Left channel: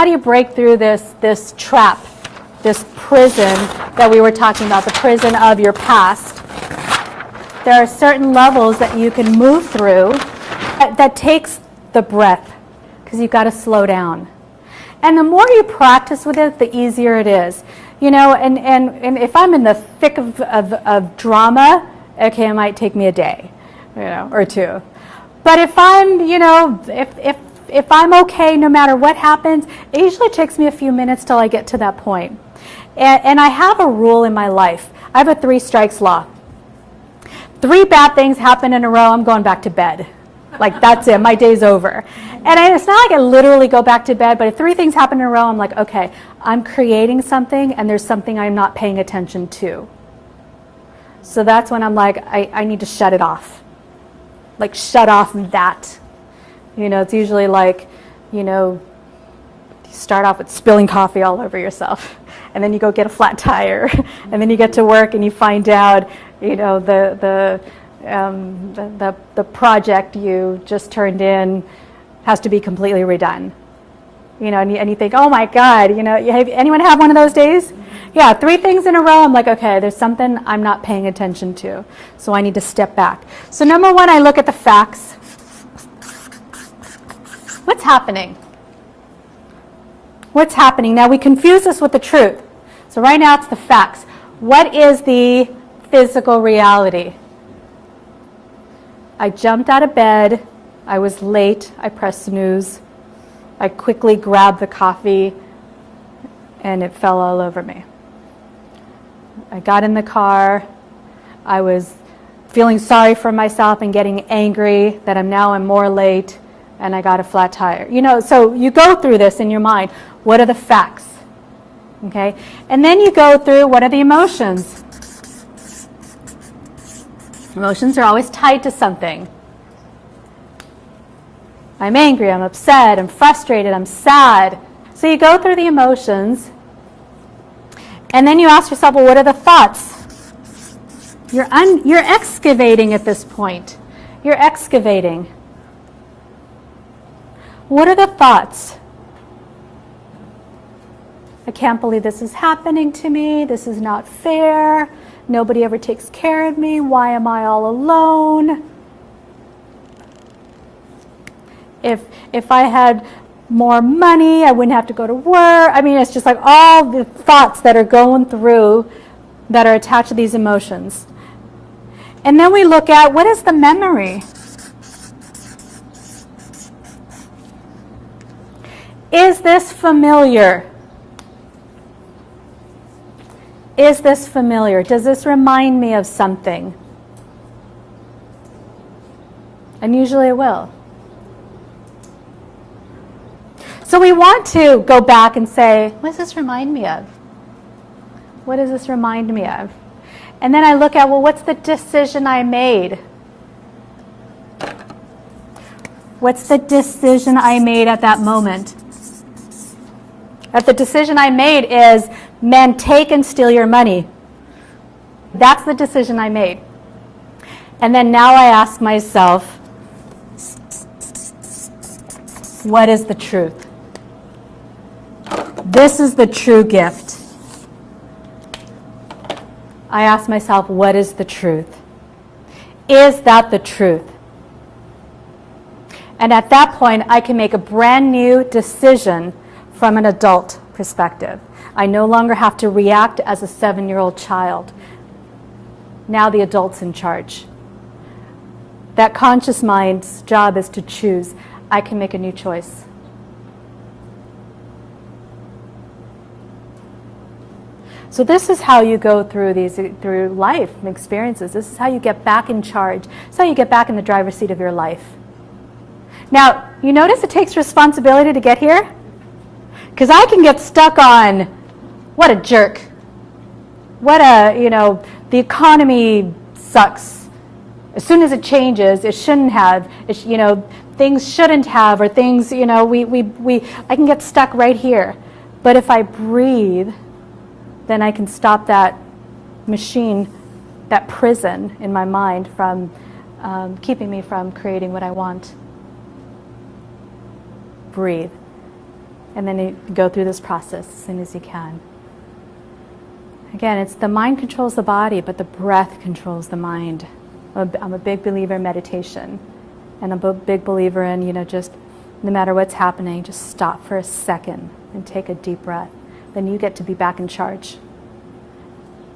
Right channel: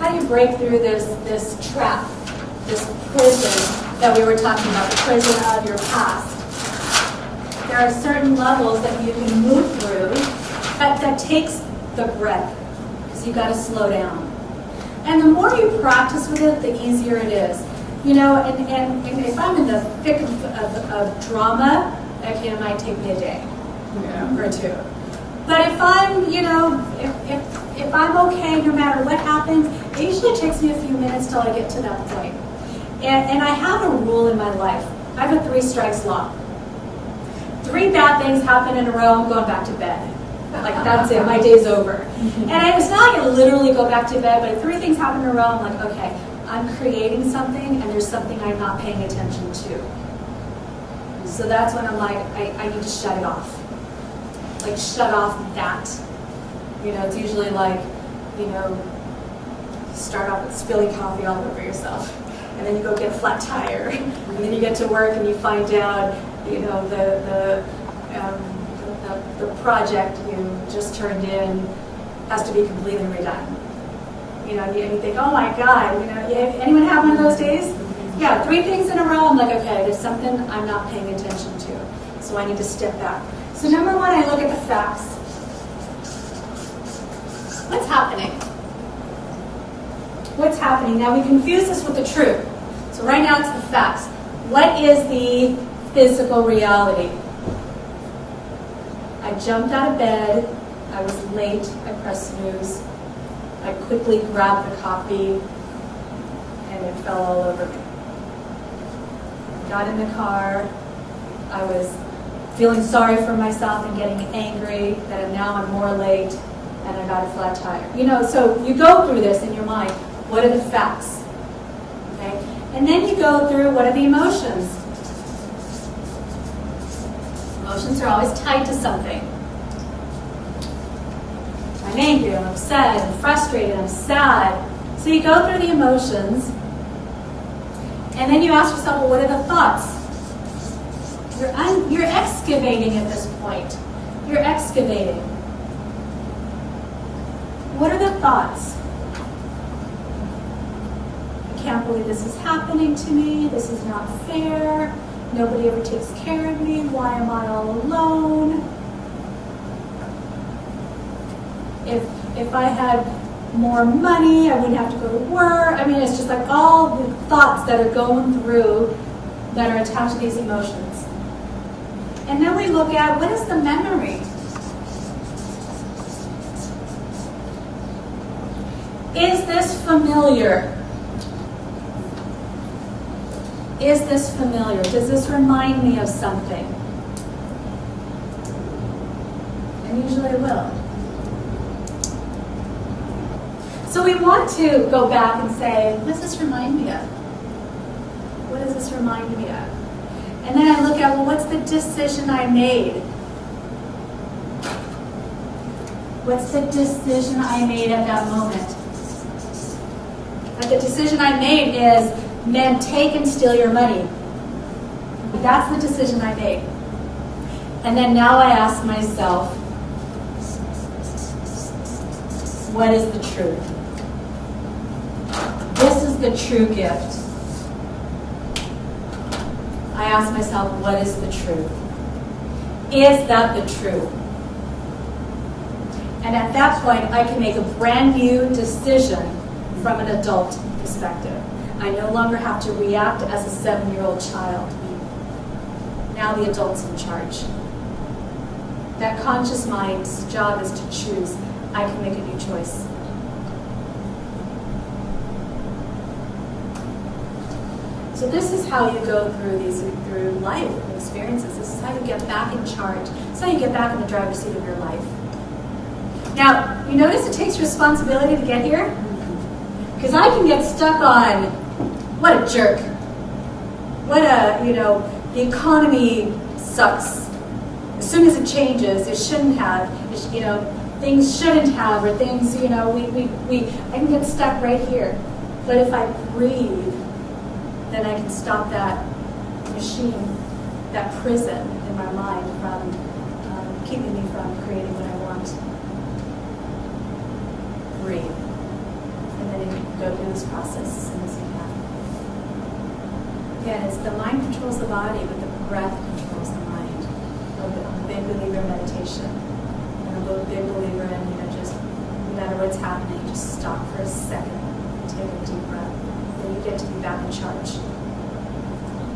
How do you break through this trap, this prison that we were talking about, the prison of your past? There are certain levels that you can move through that takes the breath, because you've got to slow down. And the more you practice with it, the easier it is. You know, and if I'm in the thick of drama, okay, it might take me a day, you know, or two. But if I'm, you know, if I'm okay no matter what happens, it usually takes me a few minutes till I get to that point. And I have a rule in my life. I have a 3 strikes law. 3 bad things happen in a row, I'm going back to bed. Like, that's it, my day's over. And it's not like I literally go back to bed, but if 3 things happen in a row, I'm like, okay, I'm creating something and there's something I'm not paying attention to. So that's when I'm like, I need to shut it off. Like, shut off that. You know, it's usually like, you know, you start off with spilling coffee all over yourself. And then you go get a flat tire. And then you get to work and you find out, you know, the project you just turned in has to be completely redone. You know, and you think, oh my God, you know, anyone have one of those days? Yeah, 3 things in a row, I'm like, okay, there's something I'm not paying attention to. So I need to step back. So number 1, I look at the facts. What's happening? What's happening? Now we confuse this with the truth. So right now it's the facts. What is the physical reality? I jumped out of bed. I was late. I pressed snooze. I quickly grabbed the coffee and it fell all over me. I got in the car. I was feeling sorry for myself and getting angry that I'm more late, and I got a flat tire. You know, so you go through this in your mind. What are the facts? Okay? And then you go through, what are the emotions? Emotions are always tied to something. I'm angry, I'm upset, I'm frustrated, I'm sad. So you go through the emotions, and then you ask yourself, well, what are the thoughts? You're excavating at this point. You're excavating. What are the thoughts? I can't believe this is happening to me. This is not fair. Nobody ever takes care of me. Why am I all alone? If I had more money, I wouldn't have to go to work. I mean, it's just like all the thoughts that are going through that are attached to these emotions. And then we look at, what is the memory? Is this familiar? Is this familiar? Does this remind me of something? And usually it will. So we want to go back and say, what does this remind me of? What does this remind me of? And then I look at, well, what's the decision I made? What's the decision I made at that moment? If the decision I made is, men take and steal your money. That's the decision I made. And then now I ask myself, what is the truth? This is the true gift. I ask myself, what is the truth? Is that the truth? And at that point, I can make a brand new decision from an adult perspective. I no longer have to react as a 7-year-old child. Now the adult's in charge. That conscious mind's job is to choose. I can make a new choice. So this is how you go through life and experiences. This is how you get back in charge. This is how you get back in the driver's seat of your life. Now, you notice it takes responsibility to get here? Because I can get stuck on, what a jerk. What a, the economy sucks. As soon as it changes, it shouldn't have, things shouldn't have, or things, I can get stuck right here. But if I breathe, then I can stop that machine, that prison in my mind from keeping me from creating what I want. Breathe. And then you go through this process as soon as you can. Again, it's the mind controls the body, but the breath controls the mind. I'm a big believer in meditation. And I'm a big believer in, just no matter what's happening, just stop for a second and take a deep breath. Then you get to be back in charge.